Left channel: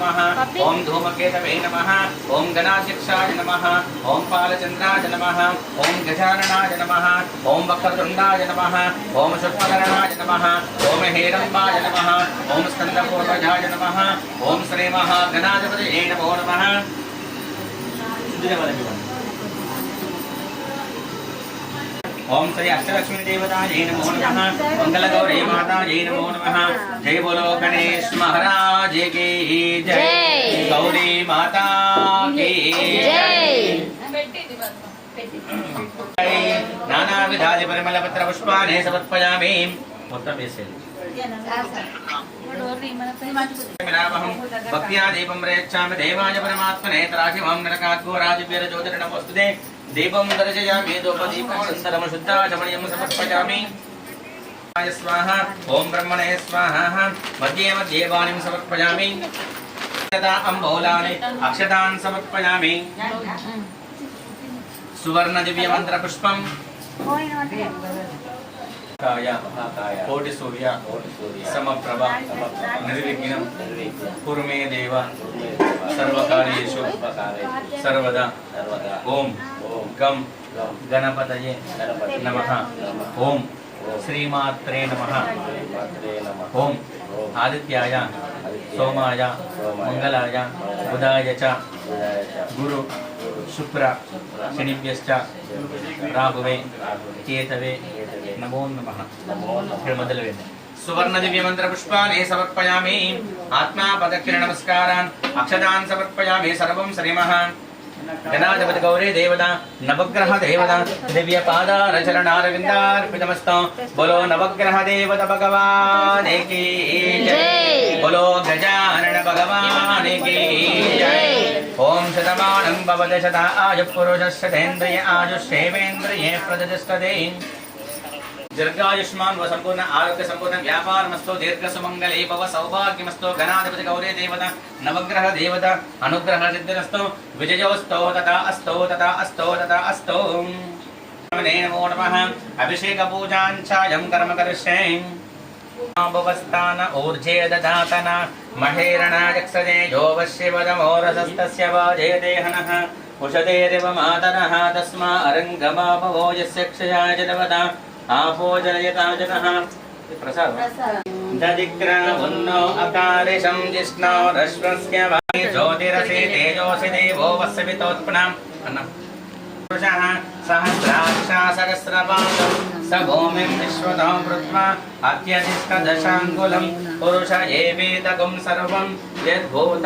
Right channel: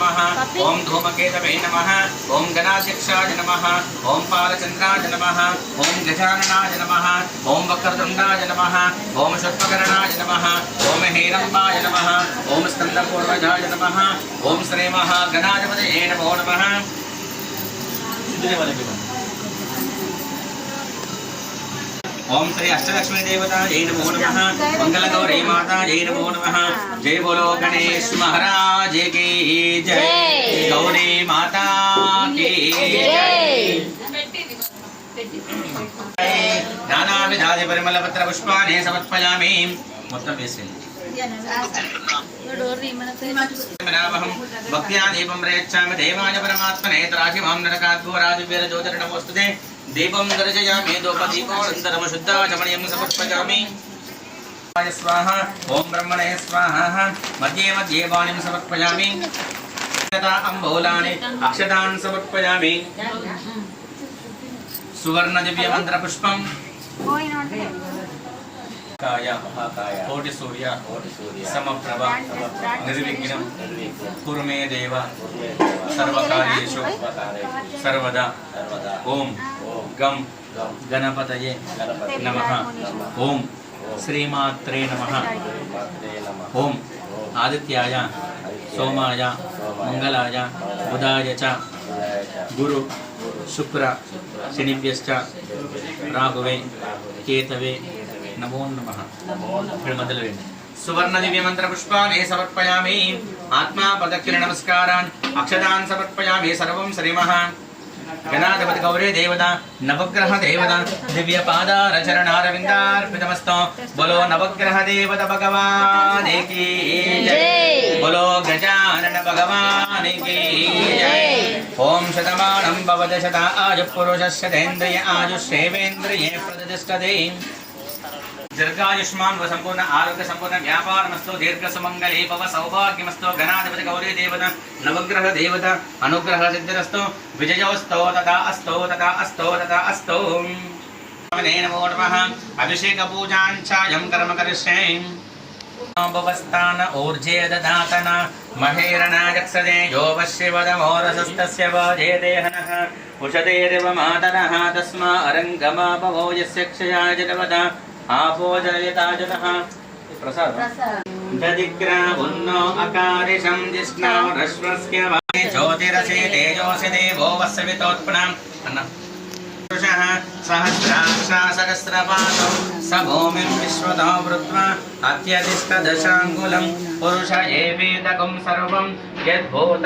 नमः ओम धूमकेतवे नमः ओम गणाध्यक्षाय नमः ओम पालचंद्राय नमः ओम गजाननाय नमः ओम वक्रतुंडाय नमः ओम शूर्पकर्णाय नमः ओम हेरंबाय नमः ओम स्कंदपूर्वजाय नमः ओम श्री महागणाधिपतये नमो नमः। ओम श्री अष्टलक्ष्मी देवतायै नमो नमः मंगल गौरी मातायै नमो नमः। जय बोलो गणेश महाराज की जय, गौरी माता की जय। नाना विधादि परिमल पत्र पुष्पाणि समर्पयामि। మొత్తం వేసేయండి। भक्त्या दीपं प्रयच्छामि देवाय परमात्मने तराखिमां नरकाद्भुवराजिव्यर ज्योतिर्नमोस्तुते। दीपं दर्शयामि धूपदीपोऽनन्तरं शुद्धाचमनीयं समर्पयामि। स्वाहा ओम ब्रह्मणे स्वाहा। मध्ये मध्ये वाणीं समर्पयामि। अम्बोलानि अक्षतान् समर्पयामि। सुवर्ण दिव्य मंत्र पुष्पं काय कोटि सूर्य समप्रभ निर्विघ्नं कुरु मे देव सर्वकार्येषु सर्वदा। ओम गम गणपतये नमः। ओम श्रीमात्रे नमः। ओम आदित्याय सोमाय मंगलाय बुधाय च गुरु शुक्र शनिभ्यश्च राहुवे केतवे नमो नमः। सुवर्ण दिव्य मंत्र पुष्पाणि समर्पयामि। आत्मा पदक्षिण नमस्कारान् अक्षतान् समर्पयामि। सर्वं श्रीमः गणाधिपति गौरी देवता नवग्रह देवता दिव्य पादार चरणारविंदार्पितमस्तु। बोलो नवग्रह देवता भगवान की जय, बोलो गजानन भगवान की जय। ओम शतमानं भवति शता आयुः पुरुषस्य तेन्द्रिय आयुष्येवेन्द्रिये प्रतिष्ठते। दीर्घायुष्मान व संपूर्ण आरोग्य संपूर्ण व्यापारमस्तु। दीर्घ सुमंगले भव सौभाग्यमस्तु। गणाधिपति गौरी देवता नवग्रह देवता अनुग्रह सिद्धिरस्तु। विजयोस्तु तथा अस्तु तथा अस्तु तथा अस्तु। नमो नमः। अभिषेक पूजाञ्चायं कर्म करिष्ये। भवस्थान ऊर्जे ददातन महेरण जक्षदे यो वश्यवदमोरसस्तस्य वाजे देहनः उषदेरिव मातरः तस्मा अरङ्गमा भवो यस्य क्षयाय जलवदा आपोजयता जनः। प्रसाद दधिग्रावुन्नो अकारिशं जिष्णो रश्वस्य वाणि ज्योतिरसि तेजोसि देवो वस्वितोत्पन्नम् अन्नम् पुरुषः सहस्राक्षा सहस्रपादौ स भूमिं विश्वतो वृत्वा अत्यधिष्ठदशाङ्गुलं पुरुष एवेदकं सर्वं यद्भूत